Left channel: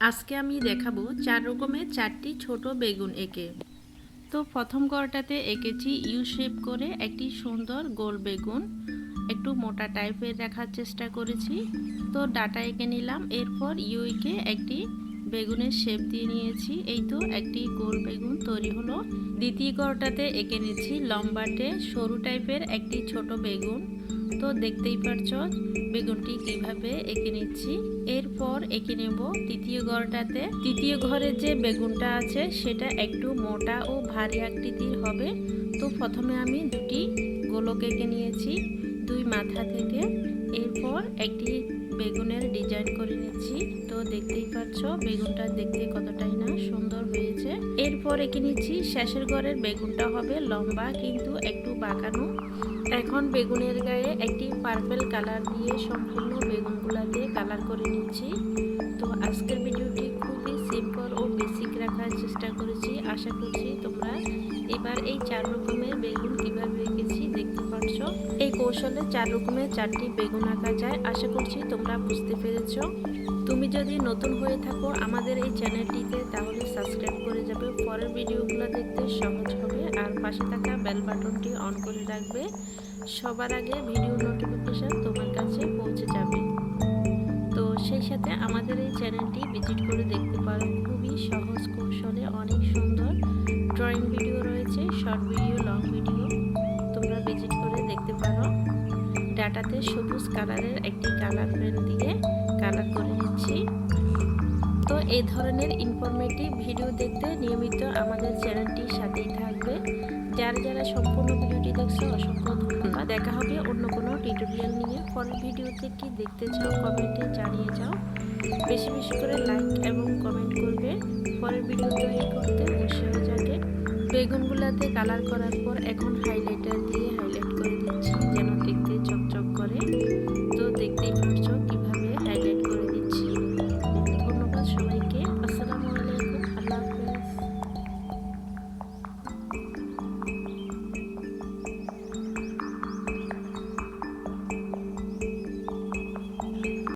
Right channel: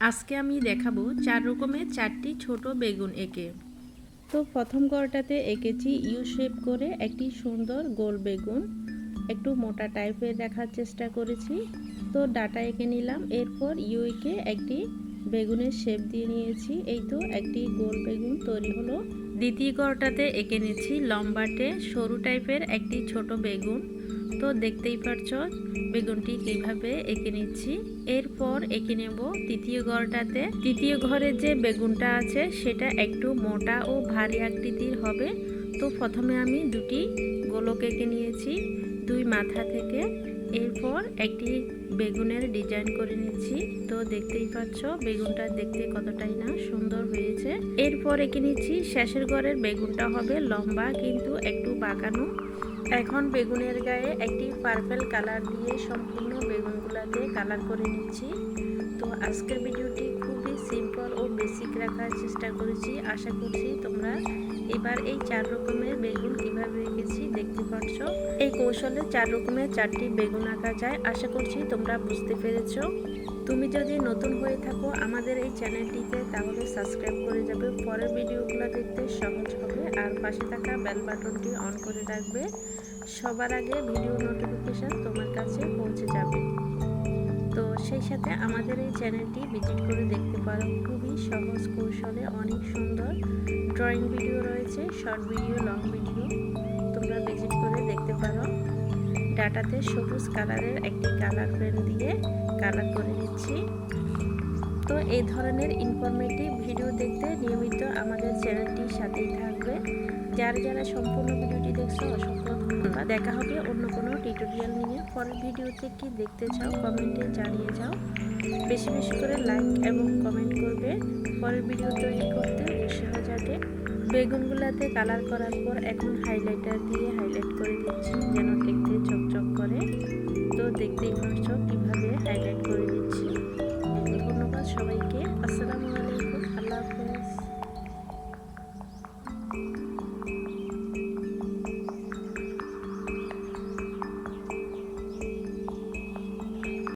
আজকে আমি দেখাবো 4 রকমের 4টি ছোট বেগুন এঁকে। তো প্রথম গড়টাতে এঁকেছি ইউ শেপ করে একটি সুন্দর গোল বেগুন, একটু মোটা টাইপের রাখার চেষ্টা করেছি। তো ডাটা এঁকে নিলাম, এরপর ইউ এঁকে একটি বেগুনের শেপ দিয়ে নিয়েছি। এই তো একটি গোল বেগুন তৈরি হলো। দ্বিতীয় গড়টাতে এঁকে নিয়েছি লম্বাটে সরু টাইপের একটি ছোট বেগুন। তো দেখতেই পারছো বেগুনটি কিভাবে এঁকে নিচ্ছি। এরপর এঁকে নেব তৃতীয় ঘরটাতে। তৃতীয় ঘরে যে বেগুনটা আছে সেটা একটু মোটা ও ভারী আকৃতির হবে। তো প্রথমে আমি দুটি গোলক এঁকে নিয়েছি দুই মাথা থেকে। এরপর একটি বেগুনের ডিজাইন করে নিচ্ছি। তো দেখতেই পাচ্ছ বেগুনটা দেখতে কতটাই না সুন্দর হয়েছে। এরপর এঁকে নিচ্ছি শেষের ঘরের বেগুনটা হবে লম্বা কিন্তু একটু বাঁকানো। এখন বেগুনের গায়ে একটি পার্পল কালার দিয়ে সম্পূর্ণ বেগুনগুলাতে কালার করে নিচ্ছি। তো আজকের ভিডিওটি খুবই সিম্পল ও বেসিক রাখার চেষ্টা করেছি। আশা করছি তোমরা এবার এই 4 রকমের বেগুন কিভাবে এঁকেছি দেখতে পাচ্ছ। এই কৌশলে 4 রকমের 4টি বেগুন আঁকা যায়। আশা করছি তোমরা বুঝতে পেরেছ। তুমি যদি নতুন হয়ে থাকো আমাদের এই চ্যানেলটিতে তাহলে সাবস্ক্রাইব করে যাবে, পরের ভিডিওগুলো দেখতে সহজ হবে। আর পাশে থাকা বেল বাটনটি অন করে রাখবে, সবার আগে ভিডিও নোটিফিকেশন তোমার কাছে পৌঁছে যাবে। তো সেই সাথে আমাদের এই চ্যানেলটি ভিজিট করে দেখতে পারো। খুবই সহজ কৌশলে অনেক সুন্দর ড্রয়িং ভিডিও রয়েছে, শর্ট ভিডিও, লং ভিডিও, তোমরা ভিজিট করে দেখতে পারো। ডাটাতে সবুজ কালারের একটি কালার পেন দিয়ে কালার করে নিচ্ছি। তো এই ধরনের ইনফরমেটিভ ভিডিও দেখতে নিয়মিত আমাদের চ্যানেলটির সাথেই থাকবে। যারা সম্পূর্ণ ভিডিওটি দেখছো অসংখ্য ধন্যবাদ। দেখা হবে অন্য কোনো টিউটোরিয়াল নিয়ে। পরের ভিডিওতে কি দেখতে চাও কমেন্টে জানিয়ে যাও। বেশি বেশি করে লাইক এবং কমেন্ট করবে, পরের ভিডিও তৈরি করতে উৎসাহ জাগে। বেগুনগুলাতে কালার করার পর এখন হাইলাইটার দিয়ে হাইলাইট করে দিচ্ছি যেন দেখতে চকচক করে। তো দেখতেই পাচ্ছ কিভাবে হাইলাইট করে